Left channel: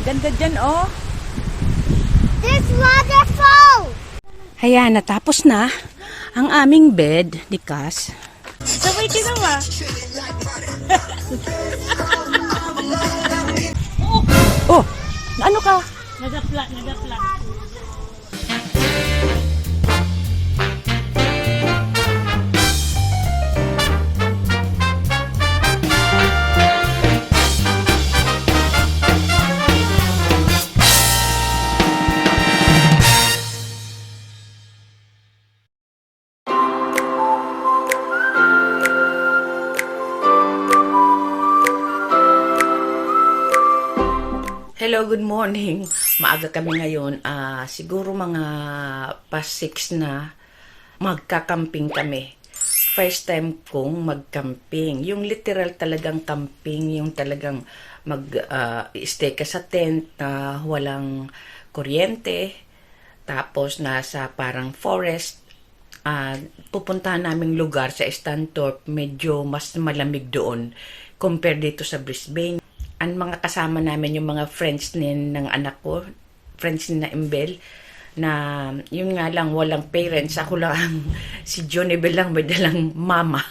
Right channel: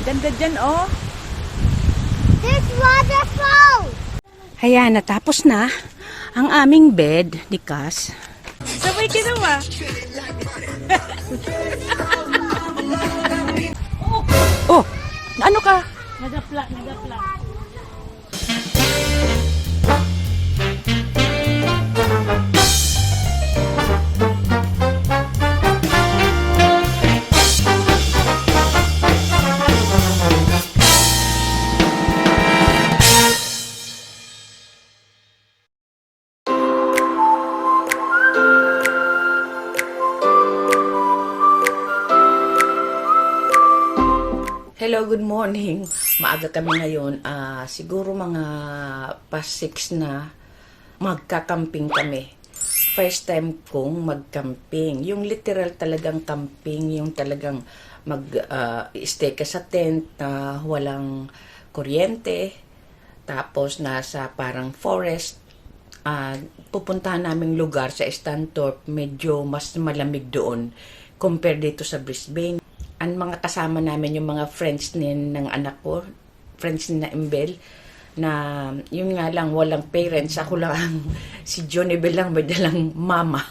Ganda dyan, oh. This waterfall! Ayan, natapos na ang aming bed ni Cass. Sabay ginawa. Oh, ano ka? Nagapla. Hello, good morning. Maaga kami ngayon. Siguro mga past 6 na magkakamping kami. First time kong magcamping. Yung literal talagang camping, yung talagang mag-stay ka sa tent na walang kuryente. Tapos nasa parang forest. Pupuntahan naming lugar sa STANTHORPE, medyo mas malamig doon compare dito sa Brisbane. Ang mga kasama namin, yung mga friends ng anak ko, friends ni na Imbel, na yun nga lang, walang parents. Ako lang, si Jonibel lang, may dalang mama.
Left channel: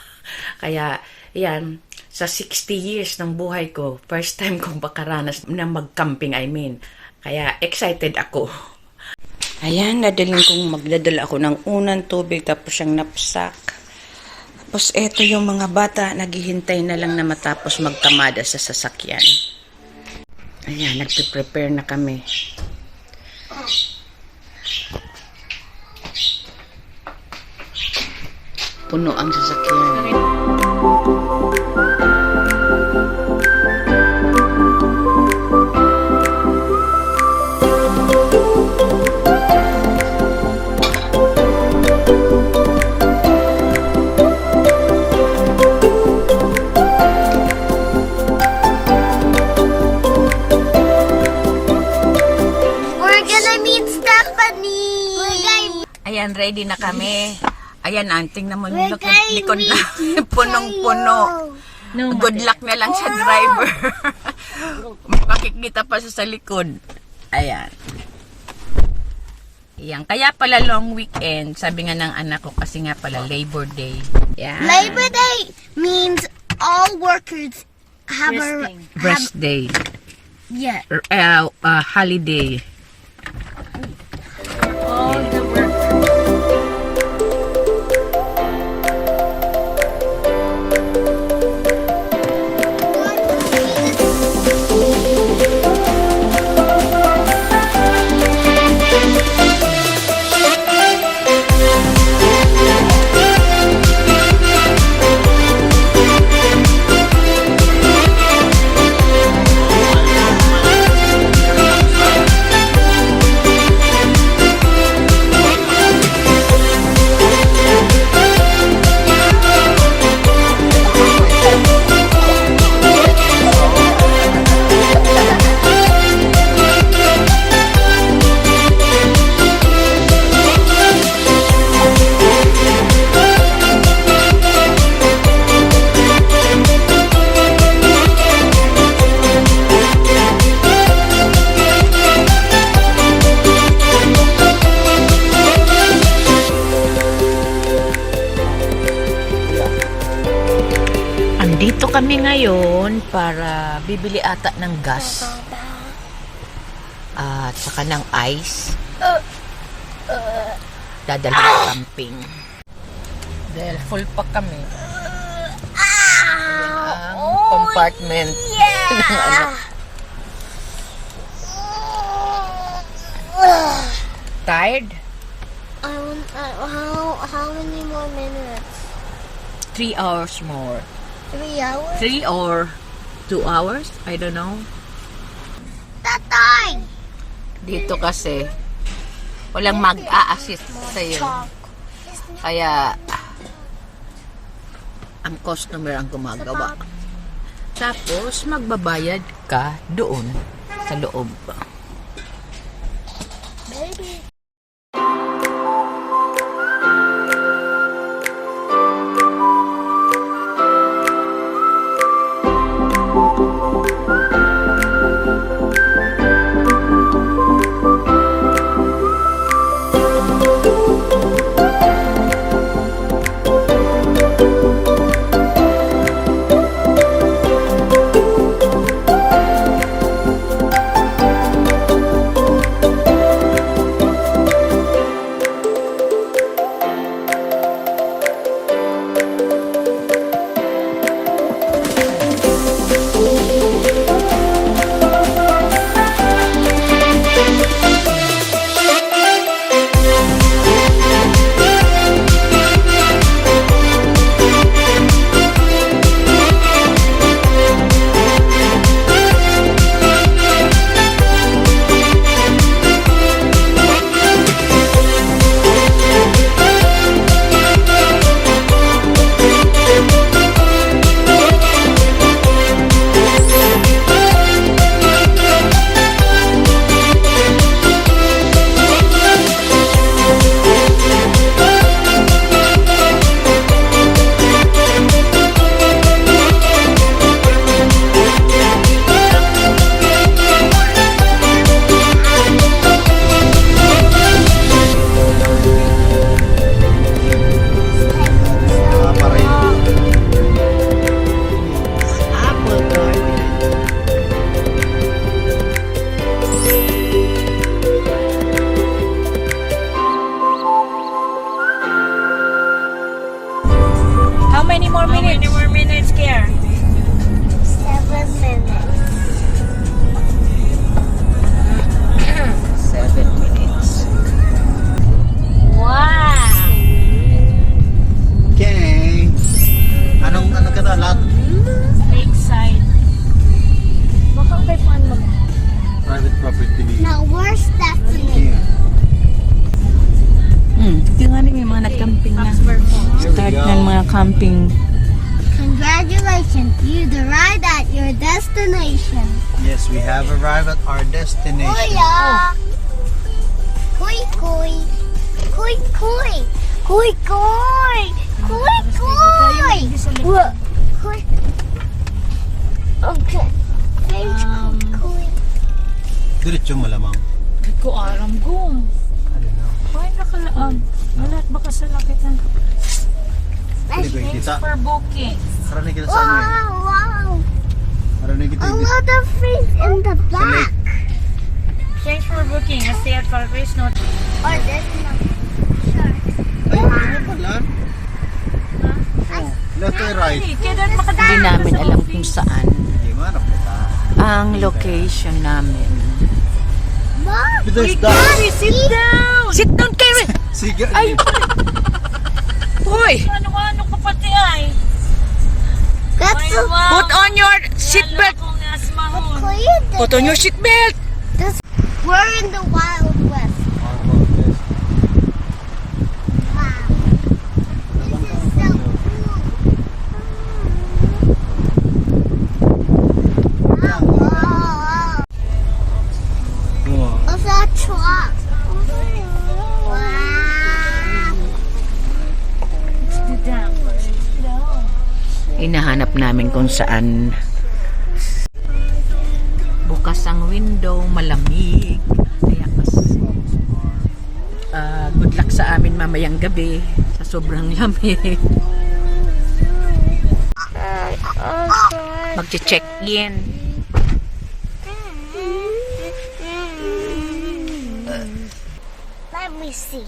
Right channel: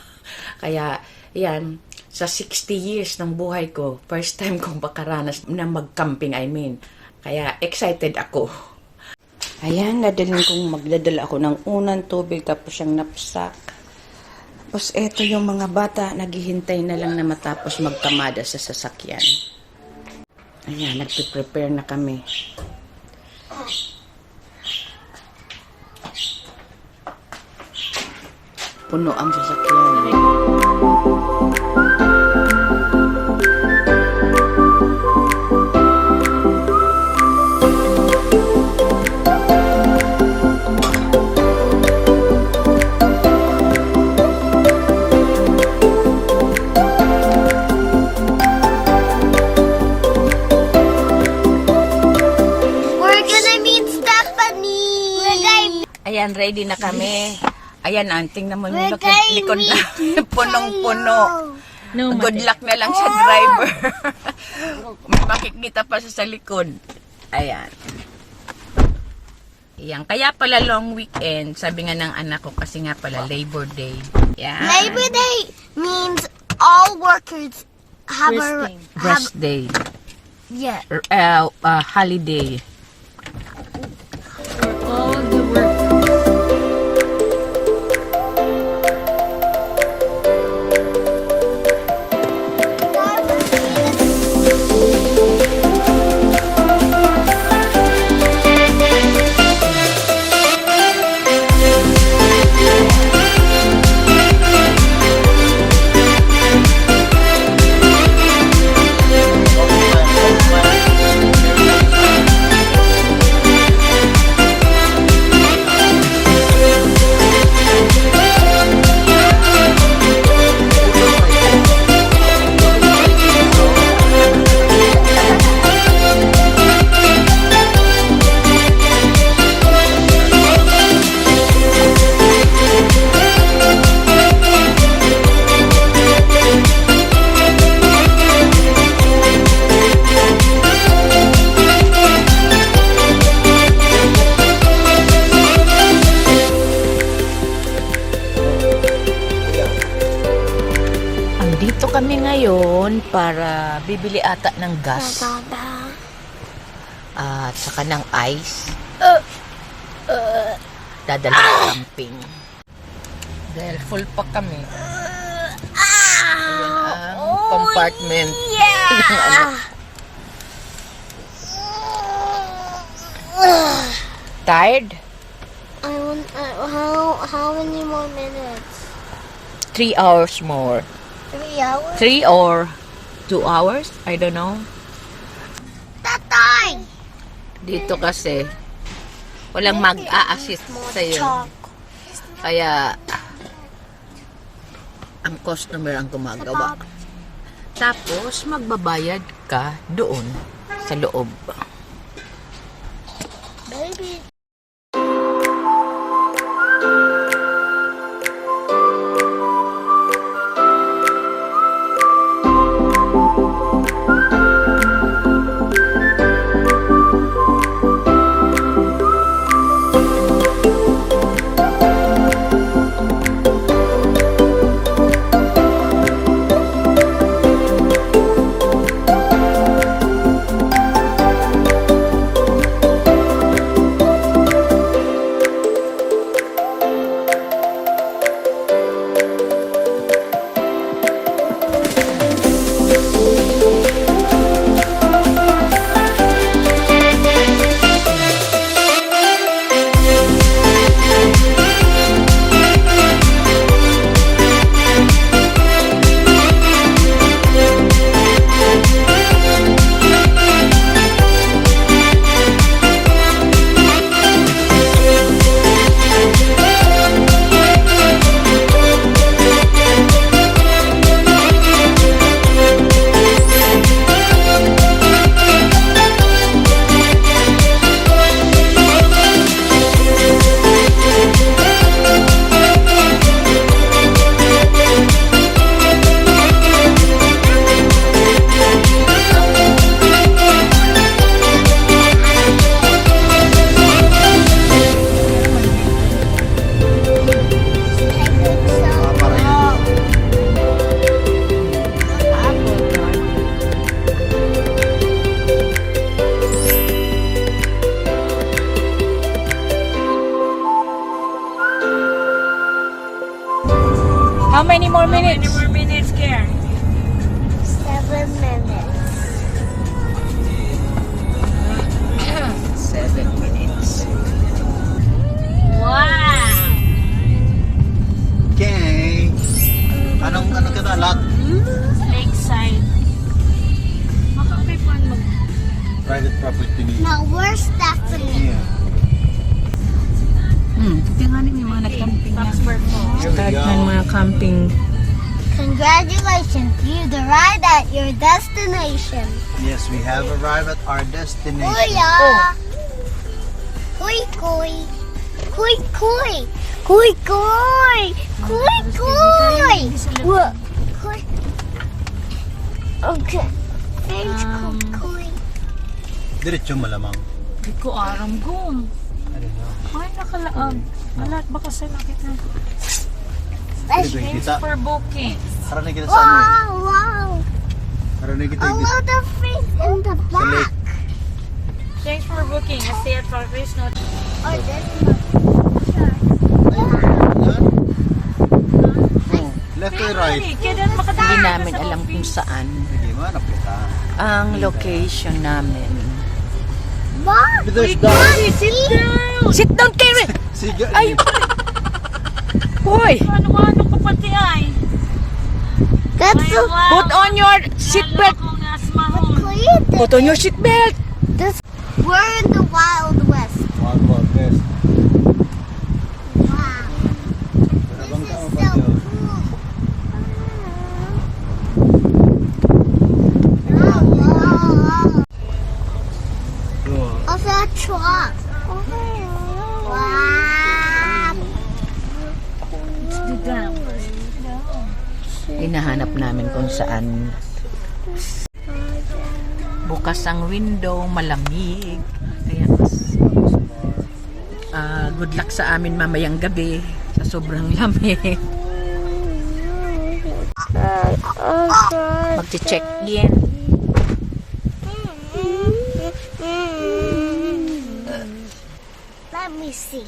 Kaya, yan, sa 60 years ng buhay ko, first time kong makaranas na mag-camping, I mean. Kaya, excited ako. Ayan, magdadala ako ng unang tubig, tapos yung knapsack. Tapos eto yung mga bata, naghihintay na lang na matapos magkamada sa sasakyan. Ayan, nagpe-prepare na kami. Puno ang sasakyan. Ayan, ready na kami. Ayan, tingnan mo yung likod na. Punong-puno. Good luck na lang sa driver. May makikita pa siya sa likod. Ayan. Ayan. Kaya pala long weekend. Sabi nga ng anak ko kasi nga pala Labor Day. Ayan. Labor Day means all workers have Rest day. Yeah. Holiday. All the work. Dito kami ngayon para bibili ata ng gas at saka ng ice. Dadalhin sa camping. Dahil full pa kami. Ayan ang compartment ng ano. Tired? How many more minutes? 3 hours more. 3 hours? 3 or 2 hours? I don't know. Tatay! Dito kasi walang mag-a-assist sa'yo. Kaya ang customer ang gumagawa. Tapos magbabayad ka doon sa loob. Baby. private property ni. Now where's Stephanie? Yeah. Tingnan may mga nag-camping na. Start ng mga camping. Congratulations, you've arrived at your destination. Yes, we have arrived at our destination. Kuya! Kuy kuy! Kuy kuy! Kuy kuy! Kuy kuy! What? Kuy. Okay. Thanks, kuy kuy. Diretso malamang. Di ko aram gum. I don't know. Ay, nakalaag. Alat, baka sa nakit na. Anyway, Thanks kita. for booking. Karami kita sa ano eh. Wow, wow. Karami kita A lot of things in the back. Thanks for booking. I stay at Parkways, no? Oh, this is sure. Oh, left or right? Ay, kaya dahil makadaan Hindi ka namin sa alam office. kung saan Hindi mo, napita. ang location namin. Mom, There's sit down. Sit down, Karen! Sige. Ay! Hoy! Ano-ano ka pati ay? That's Ay, wow. Put on your seatbelt! Akong asmahon. Kuya. Put on your seatbelt! We're in the Wild West. Wow. This is so cool. Wow, wow, wow. Of that truck. Wow. It's the dam. Hinahanap namin kung saan bukas ang window, malamig. Kaya good luck sa amin mamayang gabi sa sobrang lamig. Magche-check in. Let me see.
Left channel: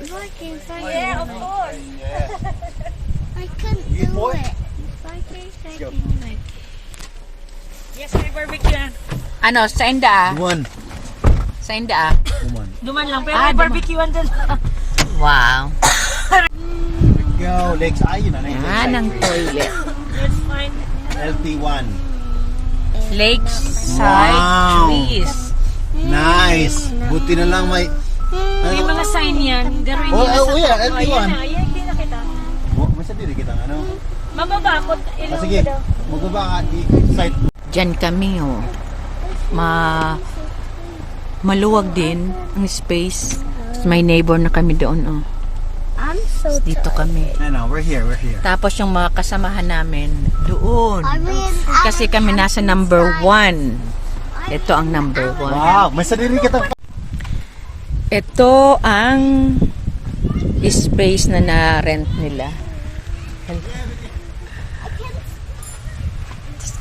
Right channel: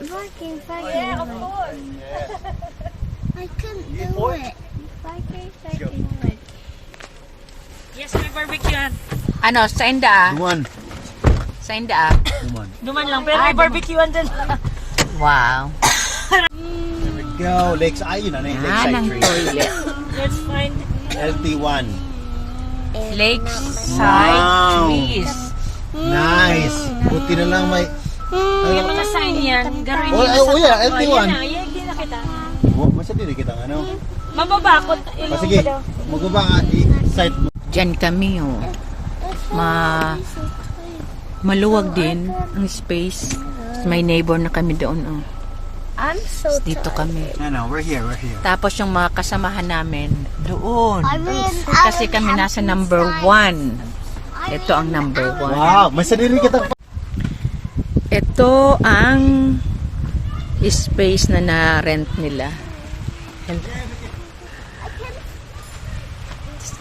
Yeah, of course. I couldn't You do boy? it. Yes, may barbecue yan. Ano, sa inda? Duman. Sa inda? Duman. Duman lang, pero may barbecue yan din. Wow. Go, legs. Ayun na. Yan ang toilet. Let's find. LT1. Lakeside Wow. trees. Nice. Buti na lang may... Yung mga sign yan, garuin Oh, nyo oh, yeah, sa LT1. Yan na, yan, hindi na kita. Oh, may sabihin kita ano. Mababakot. Ah, sige. Magbaba ka. I-site mo. Diyan kami, oh. Maluwag din ang space. May neighbor na kami doon, oh. I'm so Dito kami. No, we're here. We're here. Tapos yung mga kasamahan namin, doon. I mean, Kasi kami nasa number 1. Ito ang number 1. Wow, may sarili kita. Ito ang space na na-rent nila.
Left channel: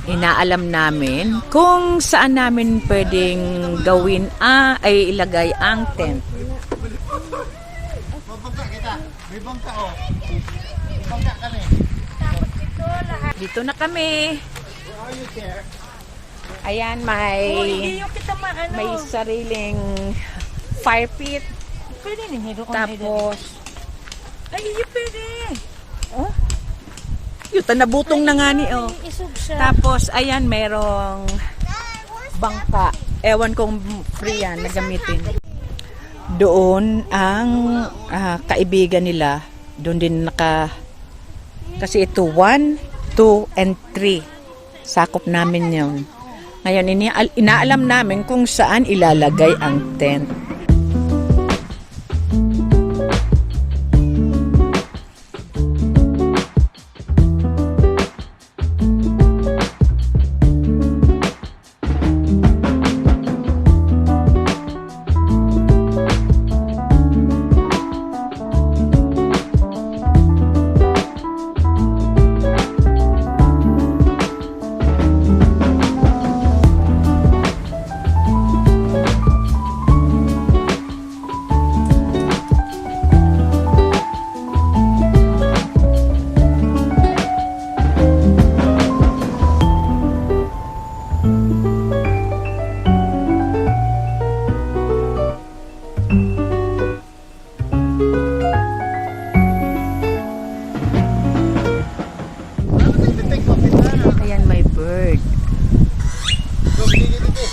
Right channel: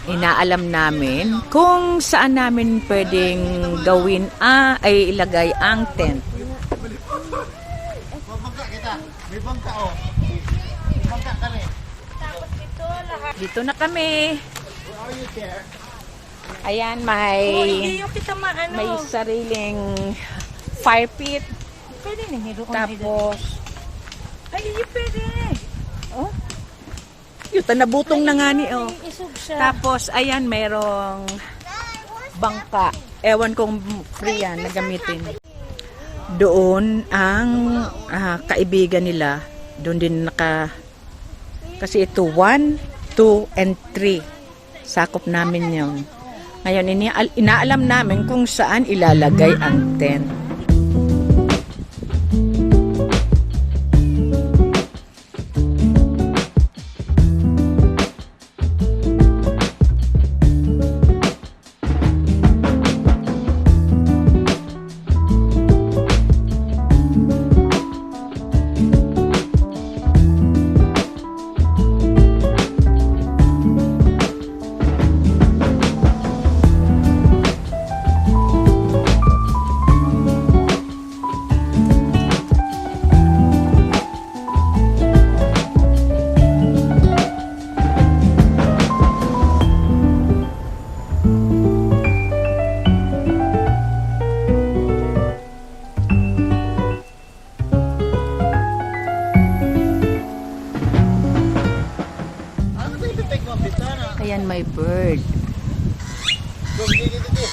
Inaalam namin kung saan namin pwedeng gawin ay ilagay ang tent. Mabangka kita. May bangka oh. May bangka kami. Dito na kami. Where are you, Care? Ayan, may sariling fire pit. Pwede na, meron ko. Tapos, Ay, hindi pwede. oh, yuta nabutong na nga ni, oh. Isog siya. Tapos, ayan, merong bangka. Ewan kong free yan na gamitin. Doon, ang kaibigan nila, doon din kasi ito, 1, 2, and 3. Sakop namin yun. Ngayon, inaalam namin kung saan ilalagay ang tent.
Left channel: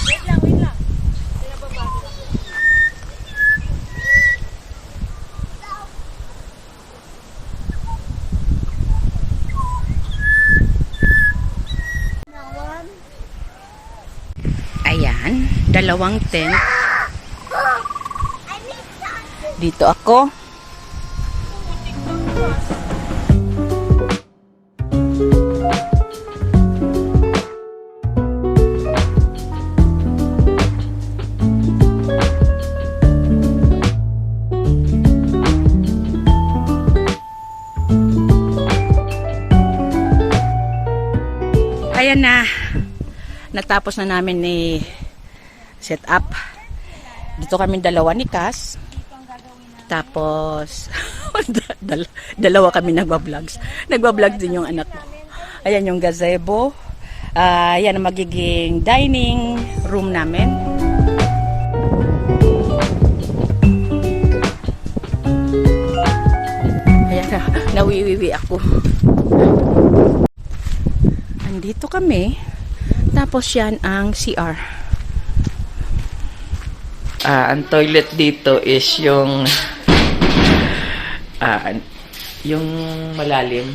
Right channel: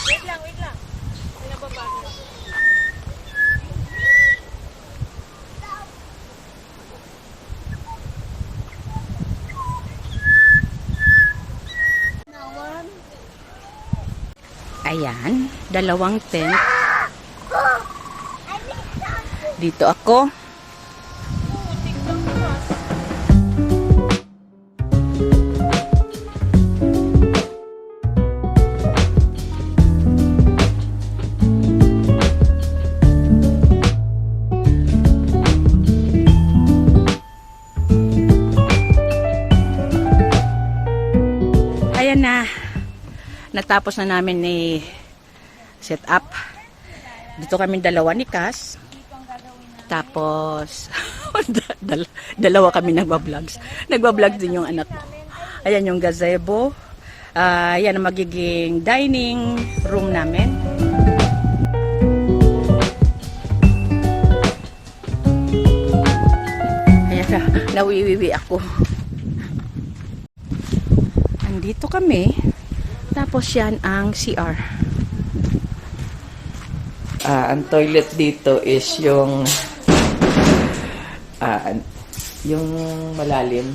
Wait lang, wait lang. Pinababa ko. Ayan, dalawang tent. Dito ako. Ayan na. Natapos na namin ni set up. Dito kami dalawa ni Cass. Tapos dalawa kami nagba-vlogs. Nagba-vlog din yung anak ko. Ayan yung gazebo. Ayan ang magiging dining room namin. Ayan na, nawiwiwi ako. Andito kami. Tapos yan ang CR. Ang toilet dito is yung malalim.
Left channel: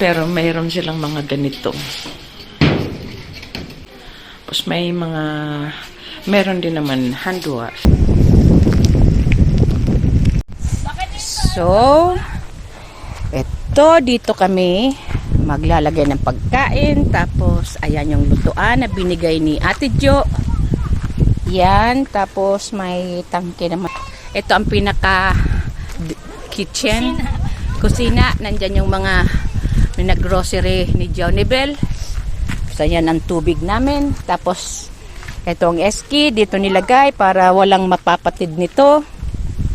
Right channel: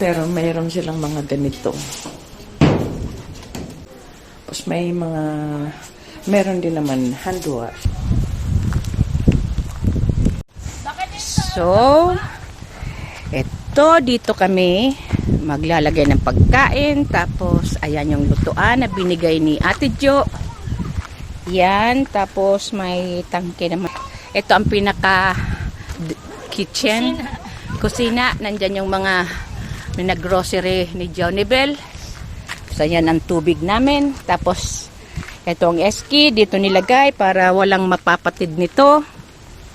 Pero mayroon silang mga ganito. Tapos meron din naman hand wash. So, dito kami maglalagay ng pagkain. Tapos, ayan yung lutuan na binigay ni Ate Jo. Yan. Tapos, may tangke naman. Ito ang pinaka kitchen. Kusina. Nandyan yung mga grocery ni Johnny Bell. So, yan ang tubig namin. Tapos, ito ang eski. Dito nilagay para walang mapapatid nito.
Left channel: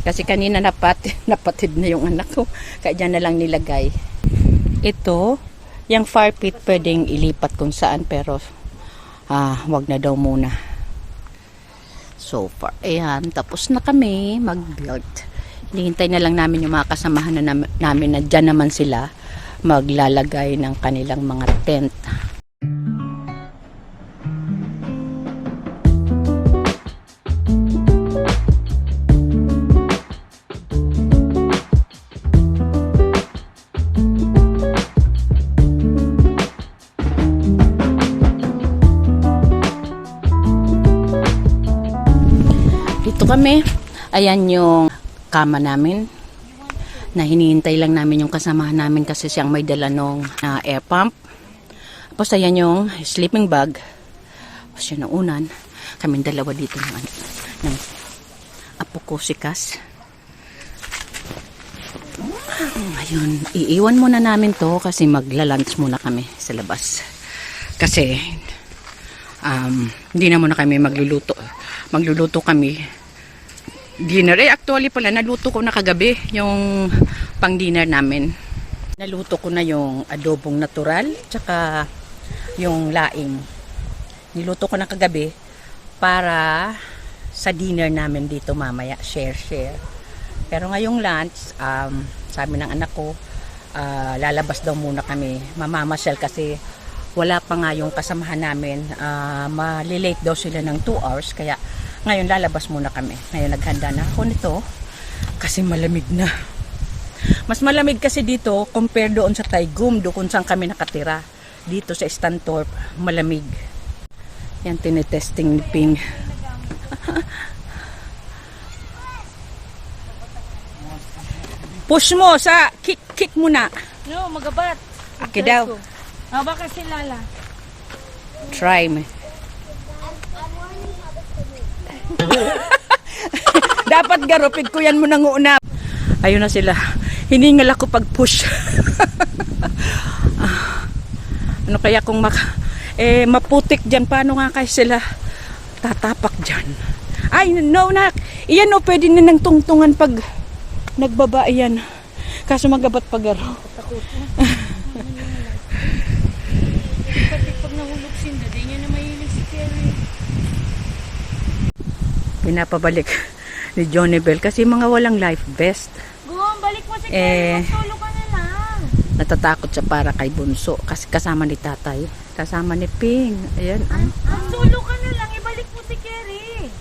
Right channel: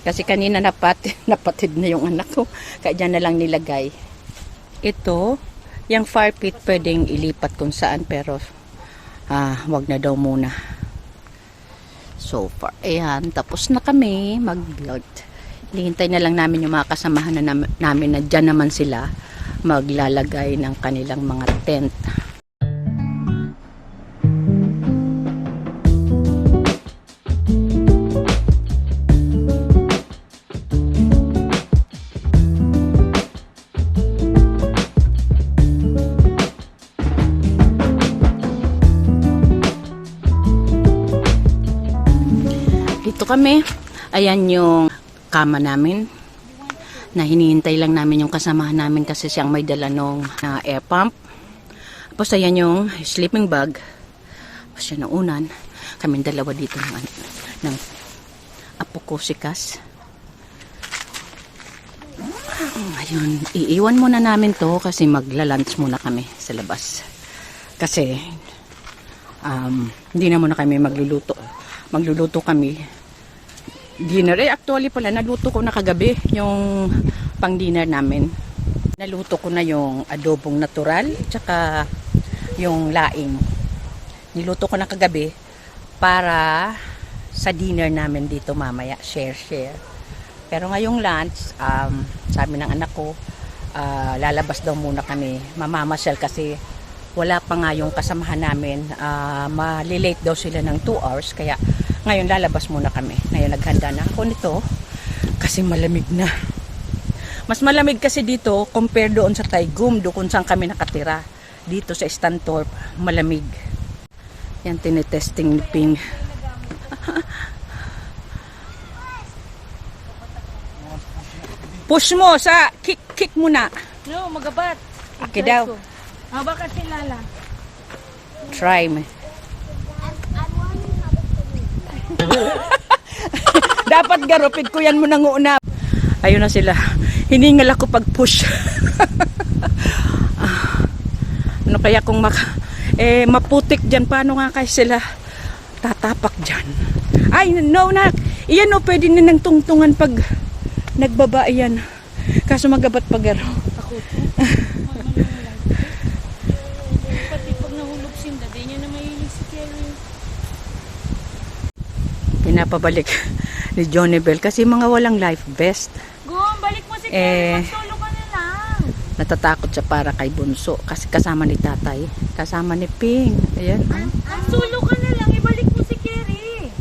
Kasi kanina napatid na yung anak ko. Kaya dyan na lang nilagay. Ito, yung fire pit pwedeng ilipat kung saan. Pero, wag na daw muna. So far, ayan. Tapos na kami mag-build. Hinihintay na lang namin yung mga kasamahan na namin na dyan naman sila maglalagay ng kanilang mga tent. Dito kami, ayan yung kama namin na hinihintay lang namin yung kasamahan namin kasi siyang may dala nung air pump. Tapos ayan yung sleeping bag. Tapos yun ang unan. Kaming dalawa dito ng apo ko si Cass. Ayun, iiwan muna namin to kasi magla-lunch muna kami sa labas. Kasi hindi na muna kami magluluto. Magluluto kami dinner. Actually pala, naluto ko na kagabi yung pang dinner namin. Naluto ko na yung adobong natural, tsaka yung laing. Niluto ko na kagabi para sa dinner namin dito mamaya. Share. Pero ngayong lunch, sabi ng anak ko, lalabas daw muna kami. Mamamasyal kasi wala pa nga yung kasamahan namin. Malilate daw sila ng 2 hours. Kaya ngayon lalabas muna kami. Ngayon naghanda na ako nito kasi malamig na. Mas malamig kasi dito compare doon sa Taigum, doon kung saan kami nakatira. Dito sa Stanthorpe, malamig. Yan, tinetesting ni Ping. Push mo sa kick muna. No, magabat. Okay daw. Baka sila lang. Try me. Dapat garupid ko yan mo nang una. Ayun na sila. Hiningal ako pag push. Ano kaya kung maputik dyan, paano nga kaya sila tatapak dyan? Ay, no, nak. Iyan o, pwede na nang tungtungan pag nagbaba iyan. Kaso magabat pag garo. Pati pag nahulog sinda, di niya na mahilig si Kerry. Pinapabalik ni Johnny Bell kasi mga walang life vest. Balik mo si Kerry. Solo ka na lang. Natatakot siya para kay Bunso kasi kasama ni tatay. Kasama ni Ping. Ayan, oh. Solo ka na lang, ibalik mo si Kerry.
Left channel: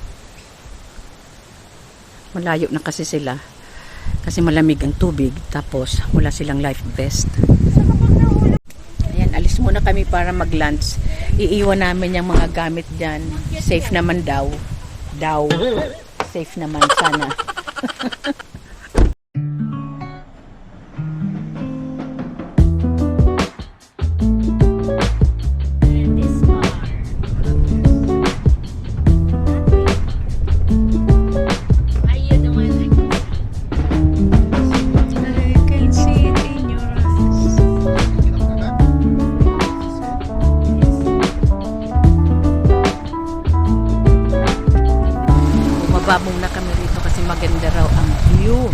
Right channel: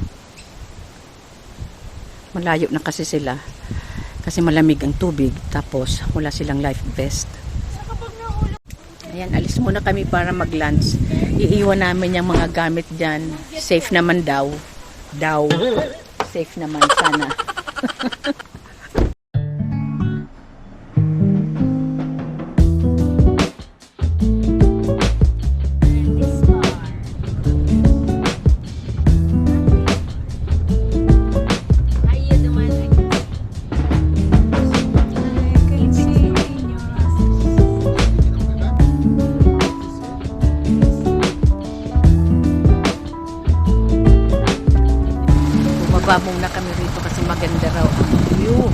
Malayo na kasi sila. Kasi malamig ang tubig. Tapos, wala silang life vest. Ayan, alis muna kami para mag-lunch. Iiwan namin yung mga gamit dyan. Safe naman daw. Safe naman sana. Bumaba muna kami rito kasi maganda raw ang view.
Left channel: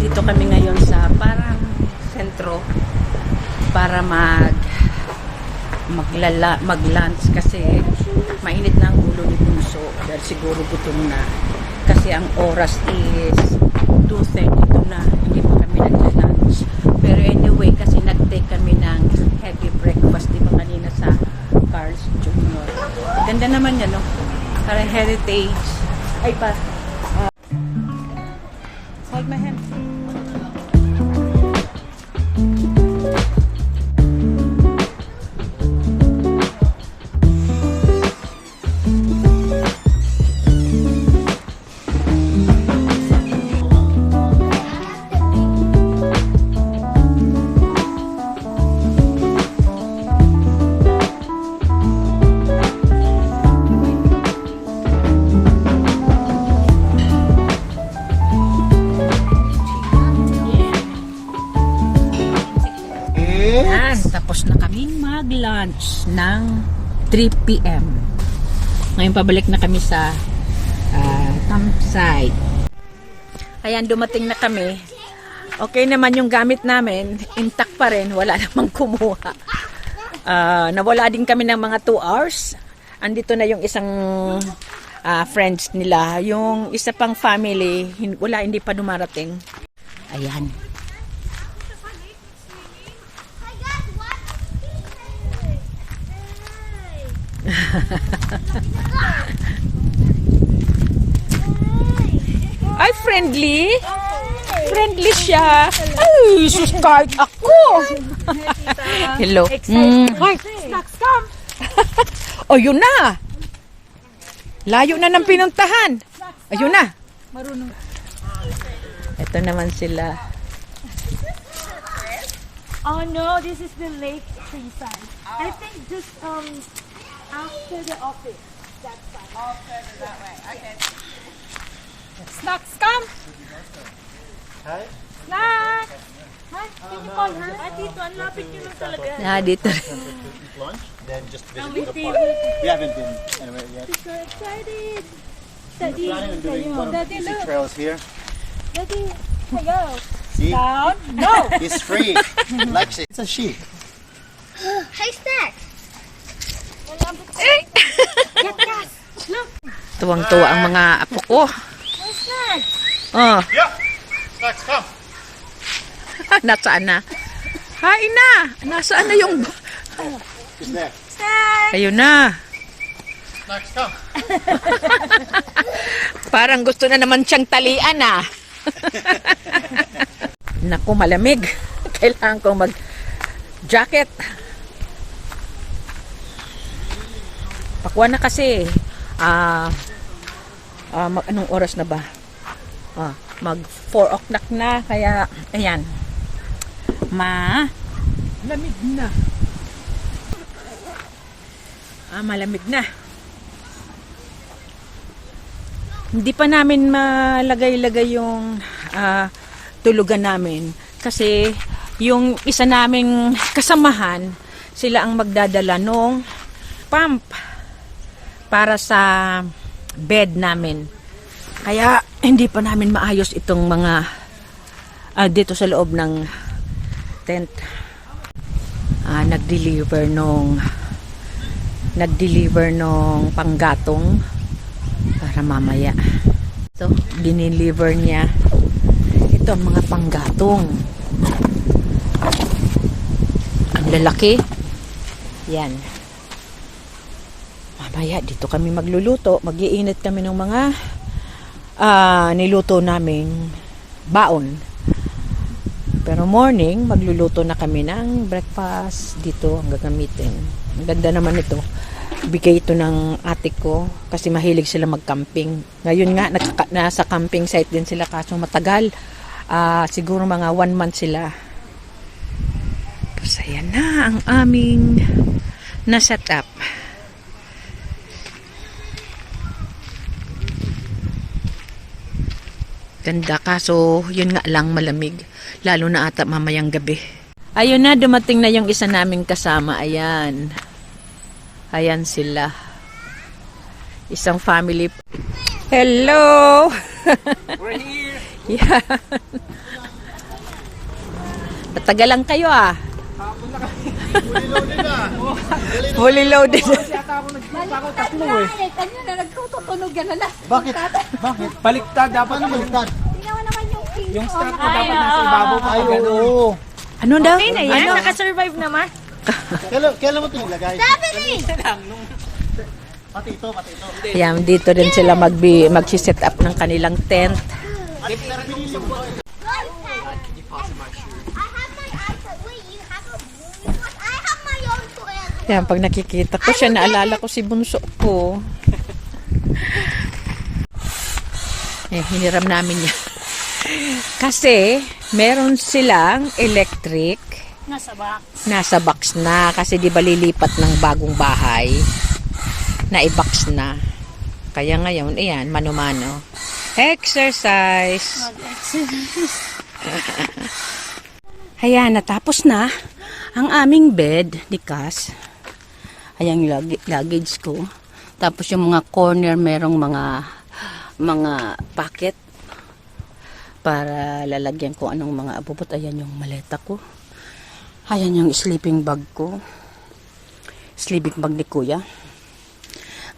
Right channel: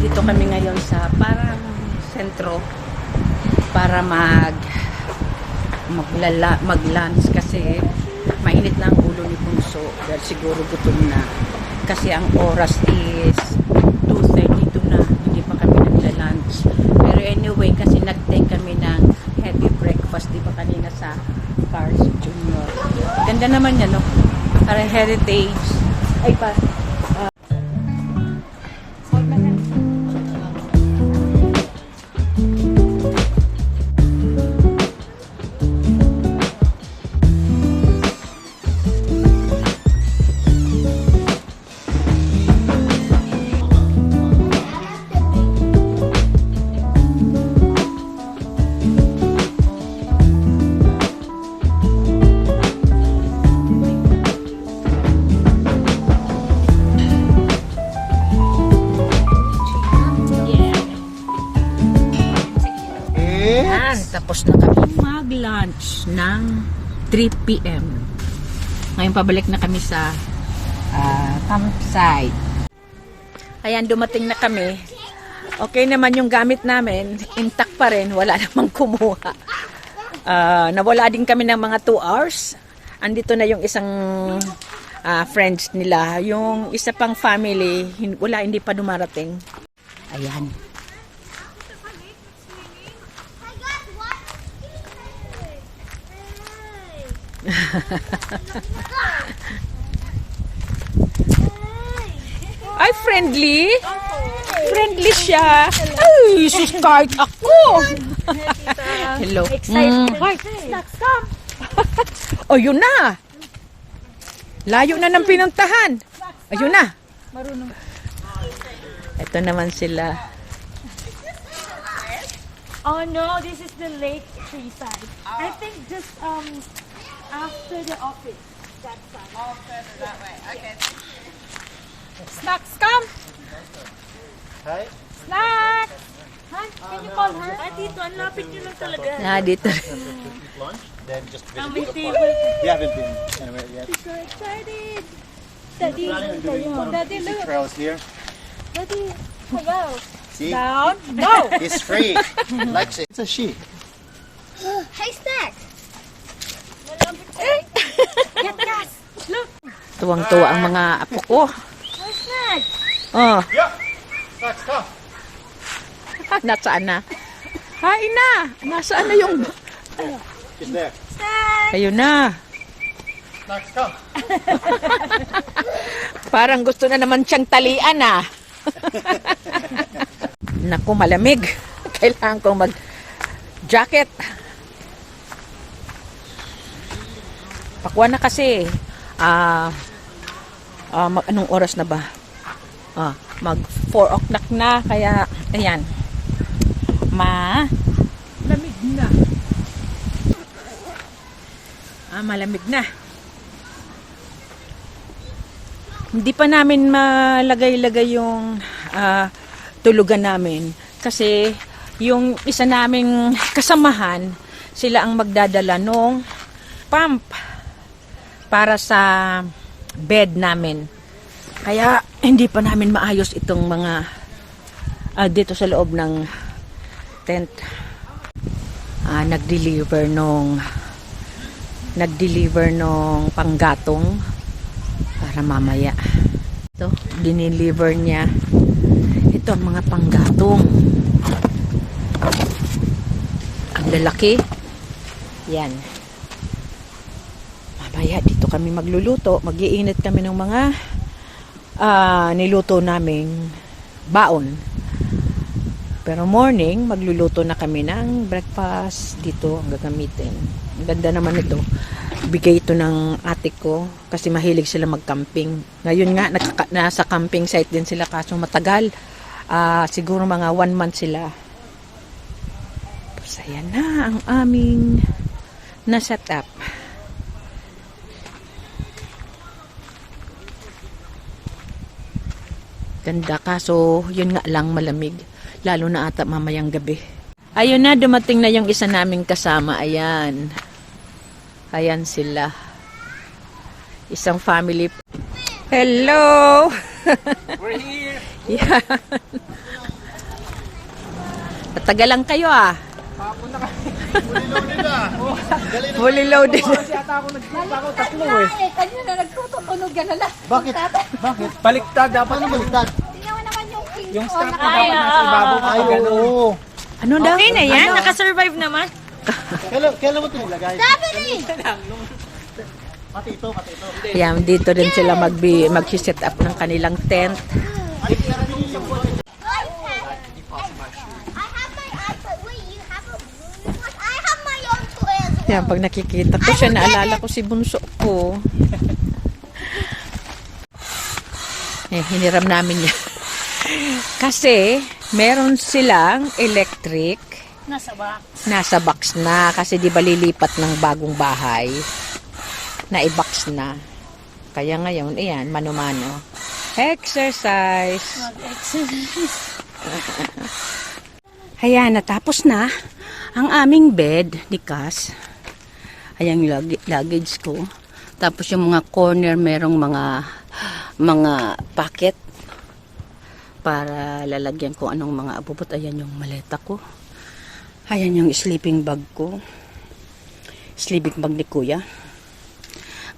Dito kami ngayon sa parang sentro para mag-lunch kasi mainit na ang ulo ni Punso dahil siguro gutom na kasi ang oras is 2:32 na, hindi pa kami nagla-lunch. Pero anyway, kasi nag-take kami ng heavy breakfast di ba kanina sa Cars Junior. Ganda naman yan, no? Parang heritage. Ay pa. Hold my hand. Yan, tapos na kami mag-lunch ng 3 p.m. Ngayon pabalik na kami sa campsite. Ayan, dumating na kami. Okay naman yung gamit namin. Intact pa rin. Wala namang kumuha. Nawala din kami ng mga 2 hours. Andito na yung isang friends nila. Yung isa pang family, hindi pa dumarating. Ayan. Ay, friendly. Friendly siya. Ay, sus, kahit ako. Hello. Excited. Wait, snacks come. Oh, yun na. Layo na ng pinuntahan. Ayun na. Marunong. Ito naman sila. Oh no, this is the lake tree side. I think just after the office. That side. Snacks, come! Hey? Snacks! Hi, can you call her? Ay, dito, ang lapit nyo na talaga. Dito. Eat lunch, then just visit With the tea, park. with We haven't been anywhere yet. so excited. We're Daddy, planning on doing one of the easy look. trails here. Daddy, hello. See? Down. No. It's free. Lexi. It's a she. Hey, Stack. Get gas. Look. Tuwang-tuwa ang mga apo ko. Hey, snacks. Oh, Yep. Snacks, come. nasaan na? Hain na. Nasaan na yung... She's there. Ayun na. Snacks, come. Parang gusto na naman siyang talian ah. Naku, malamig. Kailangan kong mag-jacket. Pakwa na kasi. Anong oras na ba? Mag 4 o'clock na. Kaya, ayan. Malamig na. Malamig na. Hindi pa namin malagay-lagay yung tulugan namin. Kasi yung isa naming kasamahan, sila ang magdadala nung pump para sa bed namin. Kaya hindi pa namin maayos itong mga dito sa loob ng tent. Nag-deliver nung panggatong para mamaya. So, dineliver niya ito ang mga panggatong. Ang lalaki. Yan. Mamaya dito kami magluluto. Mag-iinit kami ng mga niluto naming baon. Pero morning, magluluto na kami ng breakfast dito ang gagamitin. Ang ganda naman ito. Bigay ito ng ate ko kasi mahilig sila mag-camping. Ngayon nga, nasa camping site din sila kaso matagal. Siguro mga 1 month sila. Tapos ayan na ang aming na-set up. Ganda kaso yun nga lang malamig. Lalo na ata mamayang gabi. Ayun na, dumating na yung isa naming kasama. Ayan. Ayan sila. Isang family. Hello! We're here. Yeah. Patagalan kayo ah. Hapon na kami. Fully loaded na. Fully loaded. Kasi ata ako nagpunta ako tatlo eh. Kanina nagtututunog ka na lang. Bakit? Bakit? Baliktad. Dapat na baliktad. Tingnan mo naman yung pin. Yung strap na dapat nasa ibabaw pa. Ay, oo. Ano daw? Okay na yan. Nakasurvive naman. Kailan mo ito nilagay? sabi ni! Pati ito. Ayan, dito rin sila mag-set up ng kanilang tent. I have my outfit. Wait, you have a blue one? I have my own clothes. Ayan, pag nakikita ko siya, naalala ko si bunso ko. Hiniram namin yan. Kasi, meron silang electric. Nasa box na. Kasi di ba lilipat ng bagong bahay. Na-i-box na. Kaya ngayon, ayan, mano-mano. Exercise. Ayan, natapos na ang aming bed ni Cass. Ayan yung luggage ko. Tapos yung mga corner, merong mga pocket para lalagyan ko anong mga abubot. Ayan yung maleta ko. Ayan yung sleeping bag ko. Sleeping bag ni Kuya.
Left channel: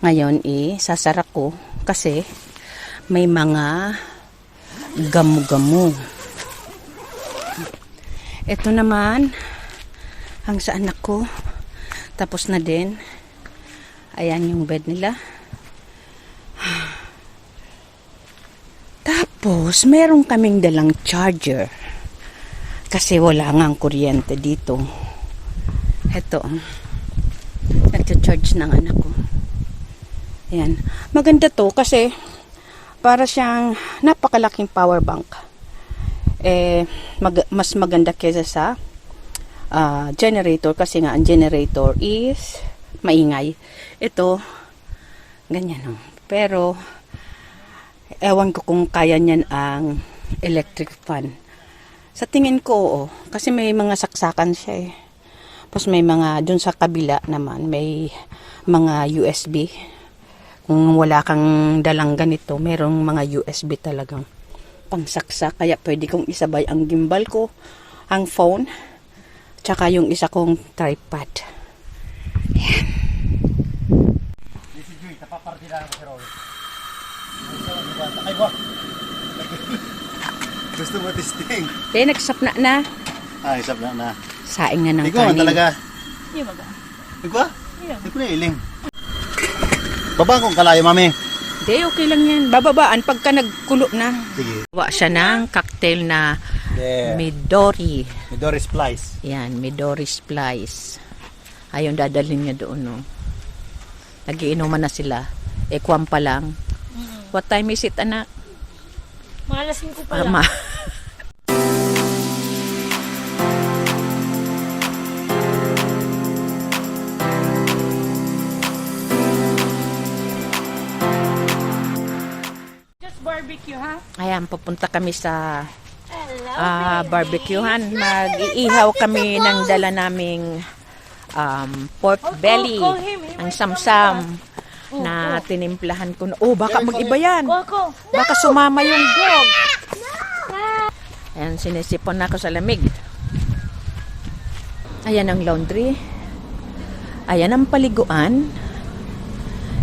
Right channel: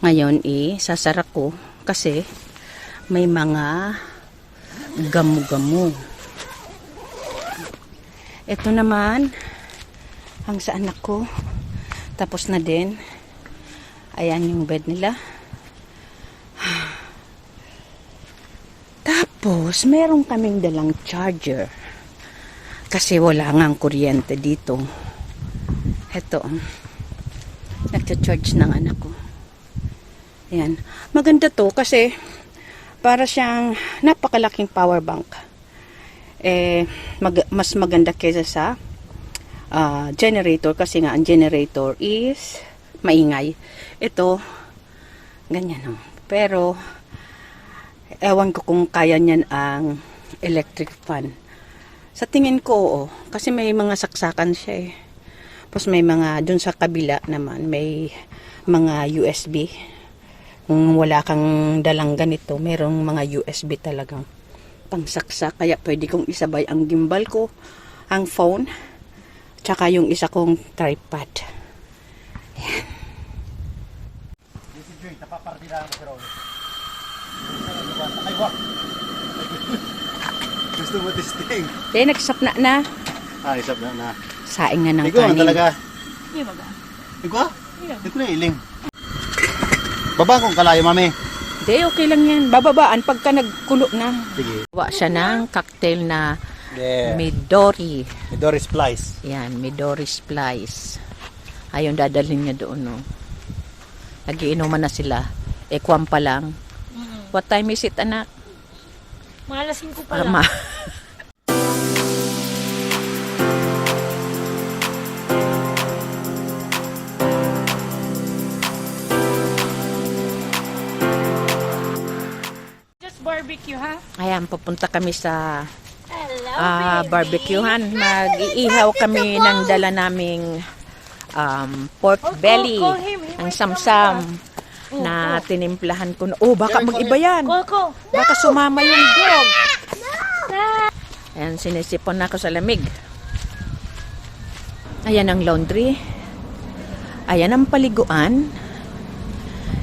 Ngayon sasara ko kasi may mga gamu-gamu. Ito naman ang sa anak ko. Tapos na din. Ayan yung bed nila. Tapos, meron kaming dalang charger. Kasi wala ngang kuryente dito. Ito. Nagcha-charge ng anak ko. Ayan. Maganda to kasi para siyang napakalaking power bank. Mas maganda kaysa sa generator kasi nga ang generator is maingay. Ito, ganyan. Pero, ewan ko kung kaya niyan ang electric fan. Sa tingin ko, kasi may mga saksakan siya eh. Tapos may mga, dun sa kabila naman, may mga USB. Kung wala kang dalang ganito, merong mga USB talagang pangsaksak. Kaya pwede kong isabay ang gimbal ko, ang phone, tsaka yung isa kong tripod. Ayan. This is great. Napapartirahan ko si Raul. Ay, wak! Gusto mo testing? Nagsapna na. Ay, isap na. Saing na ng Ikaw kanin. talaga. Iya baga. Ikaw? Iya. Ikaw na iling. Baba kong kalayo, mami. Hindi, okay lang yan. Bababaan pagka nagkulo na. Sige. Gawa siya ng cocktail na Yeah. Midori. Midori Splice. Yan, Midori Splice. Ayun, dadalhin niya doon, no. Nagiinuman na sila. Kwam pa lang. What time is it, anak? Malasin ko pa lang. Ma. Just barbecue, ha? Ayan, papunta kami sa barbecuehan. Mag-iihaw kami ng dala naming pork belly. call him. He Ang might come samsam na tinimplahan ko. Baka mag-iba yan. Wako. Baka sumama yung dog. Ayan, sinisipon na ako sa lamig. Ayan ang laundry. Ayan ang paliguan.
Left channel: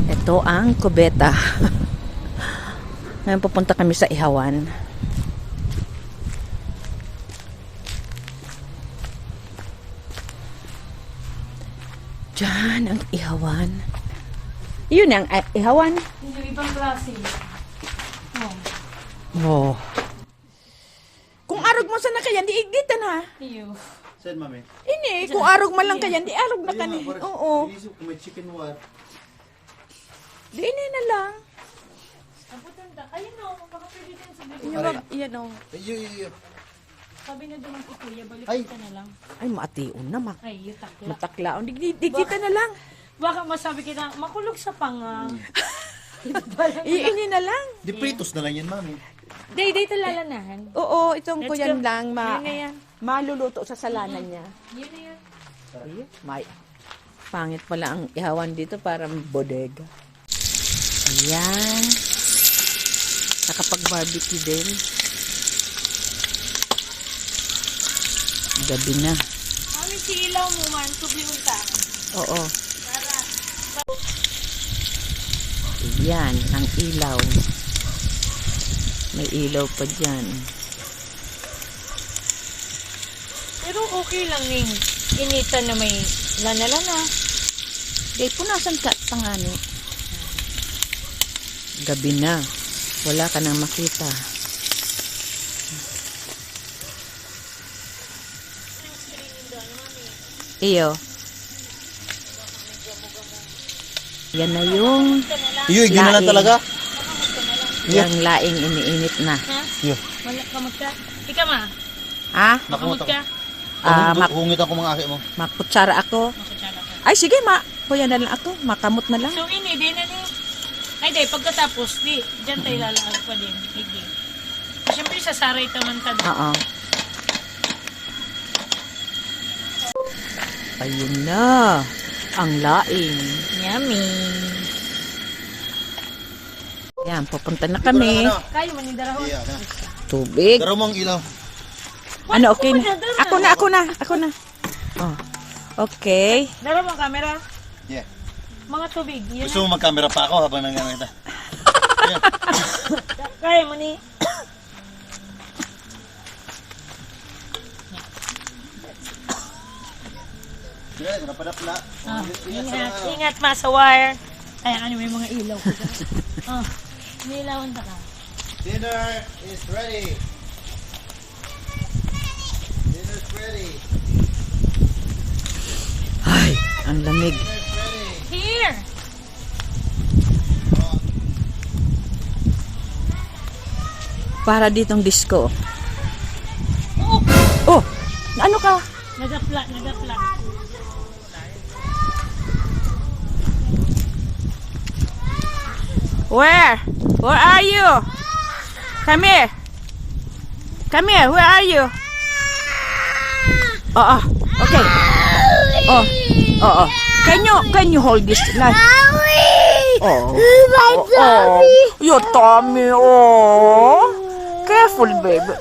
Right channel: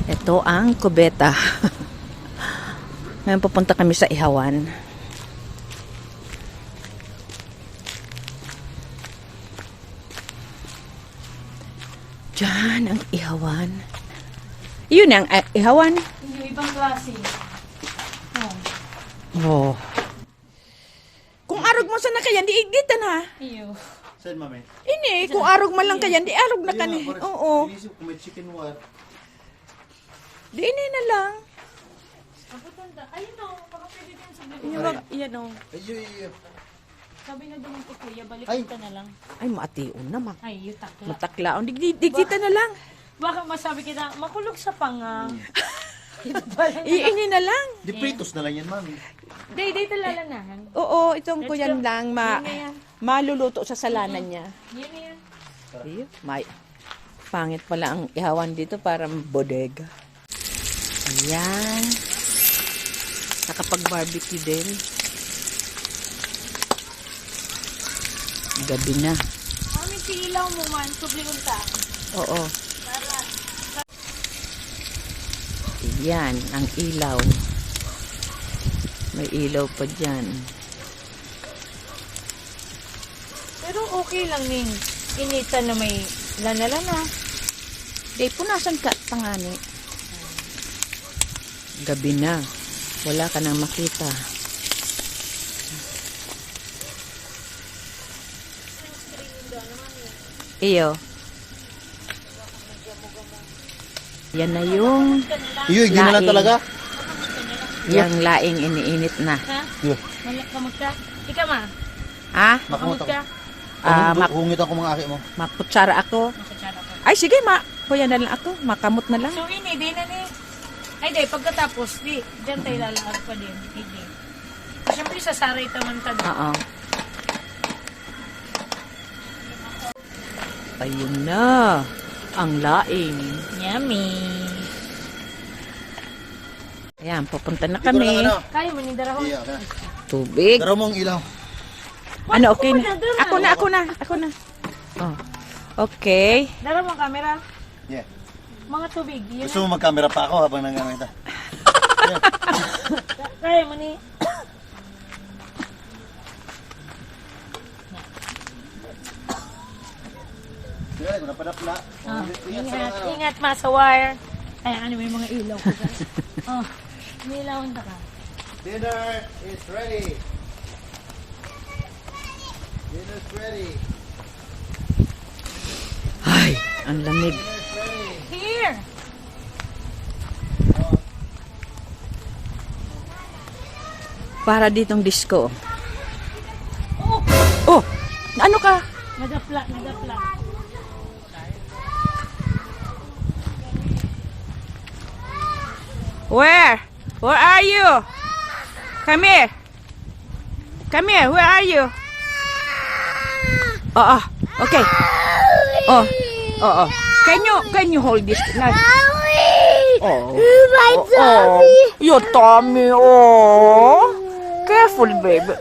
Ito ang kubeta. Ngayon pupunta kami sa ihawan. Diyan ang ihawan. Yun ang ihawan. Yung ibang klase. Oh. Kung arog mo sana kaya, di igitan ha. Iyo. Saan, mami? Ini, kung arog man lang kaya, di arog na kani. Oo. Inisip ko may chicken wire. Di ini na lang. Kaputanda. Ayun o. Baka pwede din sa buto. Yan, yan o. Ay. Sabi na duman ko kuya, balik Ay. ka na lang. Ay, maation na ma. Ay, yutak. Mataklaon. Digita na lang. Baka masabi kita, makulog sa panga. Ini na lang. Di pritos na lang yan, mami. Day, talalanahan. Oo, itong ko Let's yan go. lang. Yan na yan. Maluluto sa salanan niya. Yun na yan. Ayun, may. Pangit pala ang ihawan dito, parang bodega. Ayan. Nakapag-barbecue din. Gabi na. Mami, si ilaw mo man, subli unta. Oo. Yan, ang ilaw. May ilaw pa dyan. Pero okay lang ning initan na may lana-lana. Di, punasan ka pangani. Gabi na. Wala ka nang makita. Iyo. Yan na yung Iyo, yun na lang Laing. talaga. yung laing iniinit na. Ha? Yeah. Wala kamot ka? Ika ma, Ha? makamot ka? Hungit ako mga aki mo. Makutsara ako. Makutsara ka. Ay, sige, kuya na lang ako. Makamot na lang. So ini, di na ni. Ay di, pagkatapos, di, dyan tayo lalag pa din. Hindi. Siyempre sa saray taman ka. Oo. Ayun na. Ang laing. Yummy. Ayan, pupunta na kami. Kayo manindarahon. Iya, ka. Tubig. Pero mong ilaw. Ano, okay na? Ako na. Oh. Okay. Dala mong camera. Yeah. Mga tubig. Yun. Gusto mo mag-camera pa ako habang nangyari kita. Kaya mo ni. Sige, kung napadapla. Ingat ma sa wire. Ay, ano may mga ilaw. Oh, nilawan ta ka. Dinner is ready. Dinner's ready. Ay, ang lamig. Dinner's ready. Here! para ditong disco. Oh, ano ka? Nagapla. Where? Where are you? Come here. Come here. Where are you? Oh, okay. Oh. Can you hold this? Like, oh, My oh, your tummy. Oh, careful, baby.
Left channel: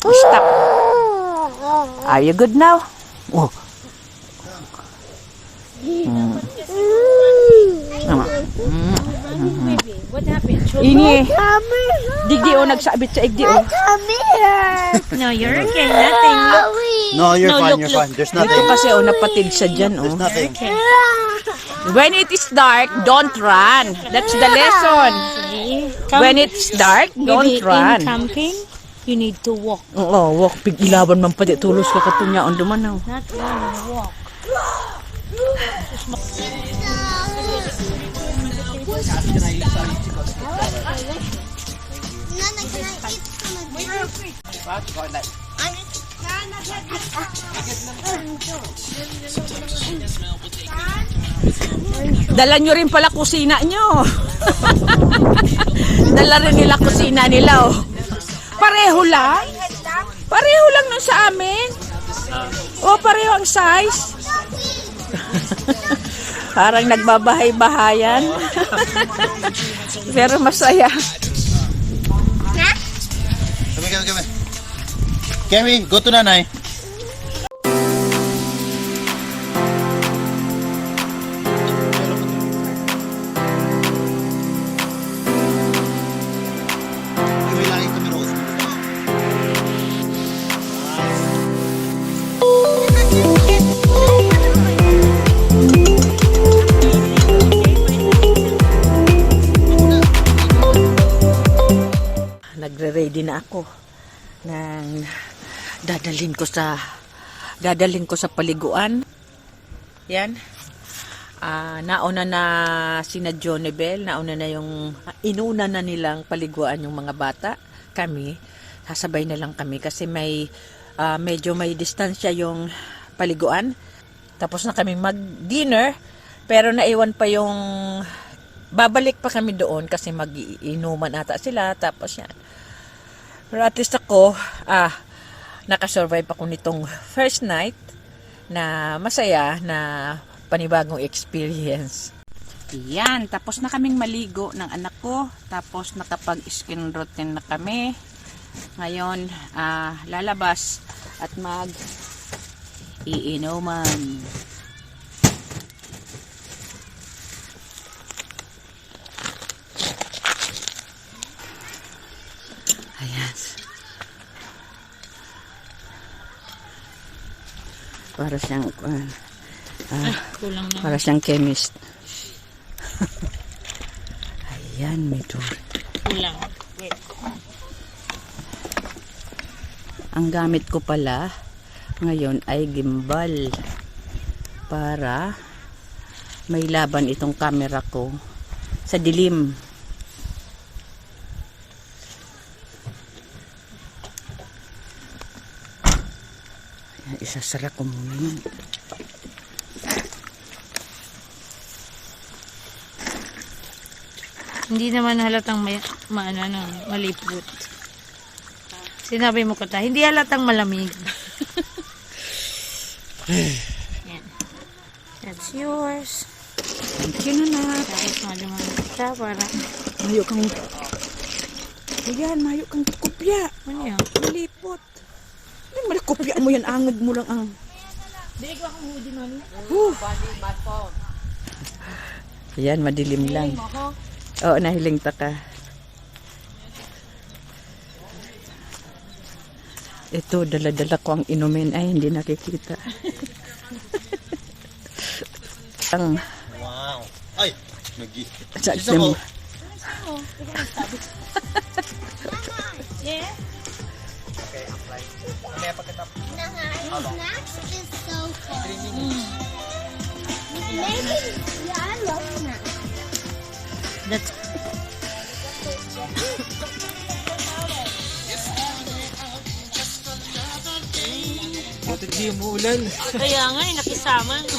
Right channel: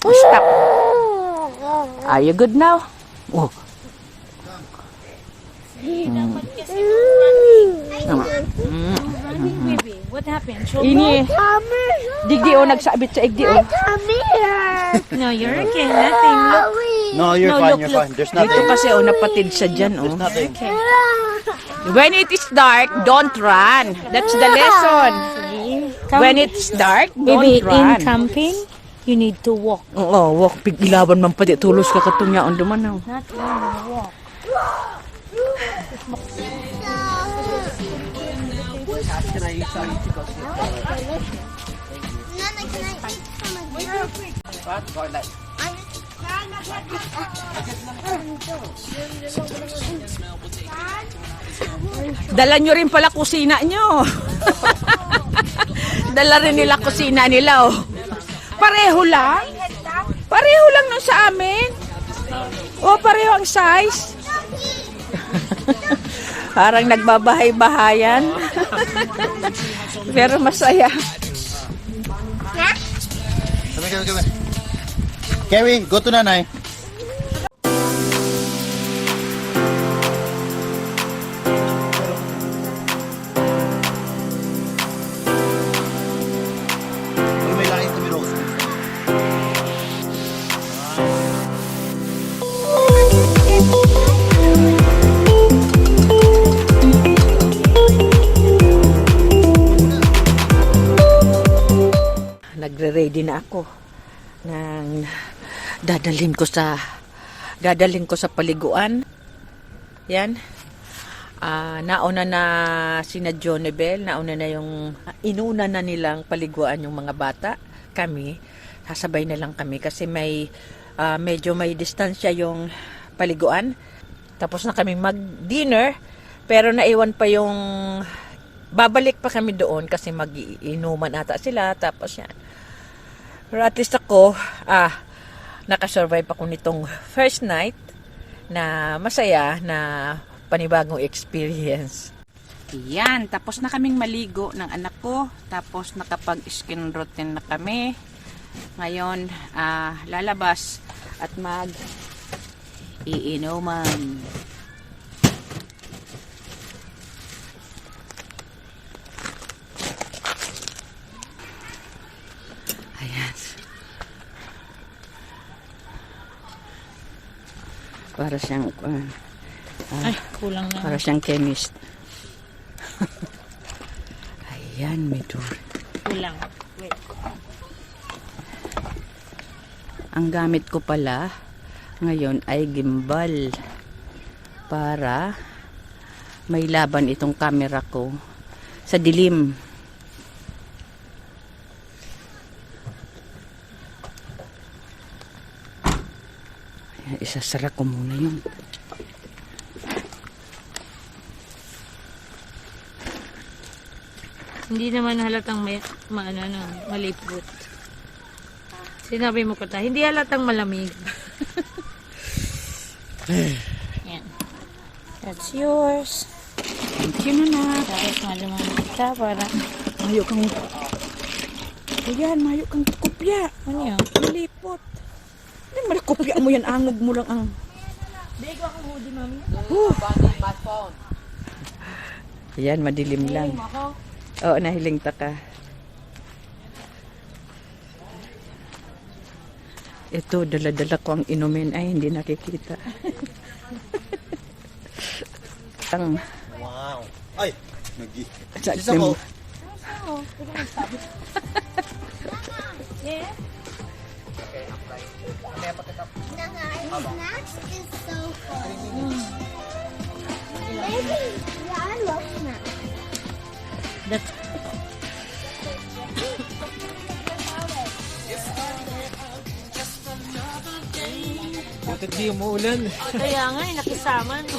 Stop. Are you good now? Oh. Baby, what happened? Ini. Digdi o nagsabit sa igdi o. Come here. No, you're okay. Nothing. Look. No, you're No, fine, look, you're look. fine. There's Dito nothing. kasi o napatid sa dyan o. There's nothing. When it is dark, don't run. That's the lesson. When it's dark, don't Baby, in run. camping, you need to walk. Oo, walk. Pig ilaban man pati. Tulos ka katunyaon dumanaw. Not run, walk. Dala nyo rin pala kusina nyo. Dala rin nila kusina nila oh. Pareho lang? Pareho lang nun sa amin. Oh, pareho ang size. Parang nagbabahay-bahayan. Pero masaya. Come. Carrie, go to nanay. Nagre-ready na ako ng dadalhin ko sa paliguan. Yan. Nauna na sina Jonebel, nauna na yung inuna na nilang paliguan yung mga bata. Kami, sasabay na lang kami kasi medyo may distansya yung paliguan. Tapos na kami mag-dinner, pero naiwan pa yung babalik pa kami doon kasi mag-iinuman ata sila. Tapos yan. Pero at least ako, nakasurvive ako nitong first night na masaya na panibagong experience. Yan, tapos na kaming maligo ng anak ko. Tapos nakapag-skin routine na kami. Ngayon, lalabas at mag-iinuman. Ayan. Para siyang Kulang na. para siyang chemist. Ayan, may door. Kulang. Wait. Ang gamit ko pala ngayon ay gimbal para may laban itong camera ko sa dilim. Isasara ko muna yun. Hindi naman halatang malipot. Sinabi mo ko hindi halatang malamig. Yan. That's yours. Thank you, Nana. Tapos malamig ka para... Mayo kang... Ayan, mayo kang kopya. Ano yan? Malipot. Hindi mo kopya mo yan. Angog mo lang ang... Bego ako mo din nun. Ayan, madilim lang. Ako. Oo, nahiling ta ka. Ito, dala-dala ko ang inumin. Ay, hindi nakikita. Ang... Wow. Ay! Sa She's ako. Yeah? Snacks is so fun. Maybe, yeah, I love snacks. That's... Bakit di umuulan? Kaya nga, nakisama, no?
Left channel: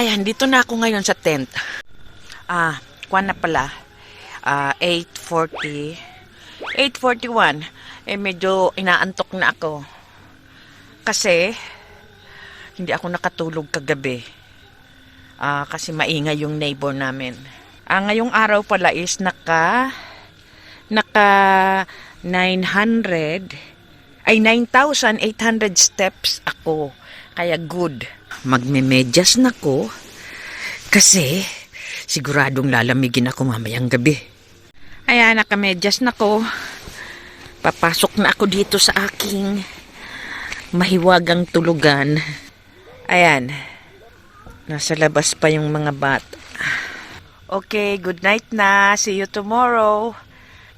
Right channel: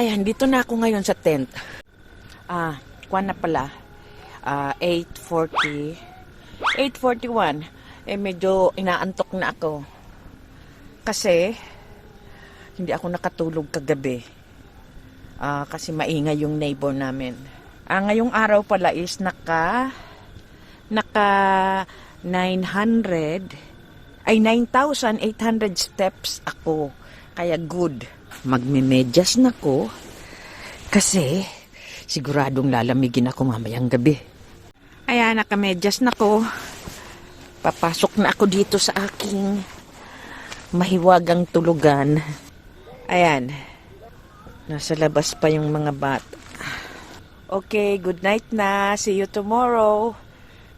Ayan, dito na ako ngayon sa tent. Kuwan na pala. 8:40. 8:41. Medyo inaantok na ako. Kasi, hindi ako nakatulog kagabi. Kasi maingay yung neighbor namin. Ngayong araw pala is naka 9,800 steps ako. Kaya good. Magmemedyas na ko kasi siguradong lalamigin ako mamayang gabi. Ayan, nakamedyas na ko. Papasok na ako dito sa aking mahiwagang tulugan. Ayan. Nasa labas pa yung mga bata. Okay, good night na. See you tomorrow.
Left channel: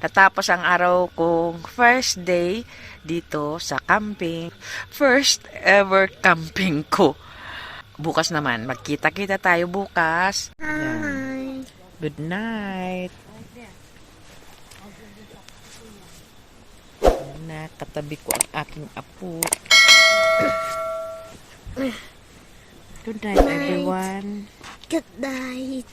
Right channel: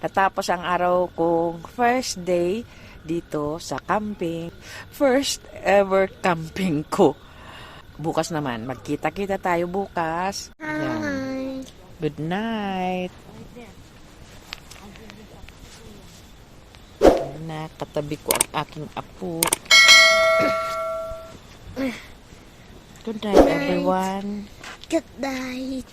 Natapos ang araw kong first day dito sa camping. First ever camping ko. Bukas naman, magkita-kita tayo bukas. Hi. Good night. Na, katabi ko ang aking apo. Good night, everyone. Good night.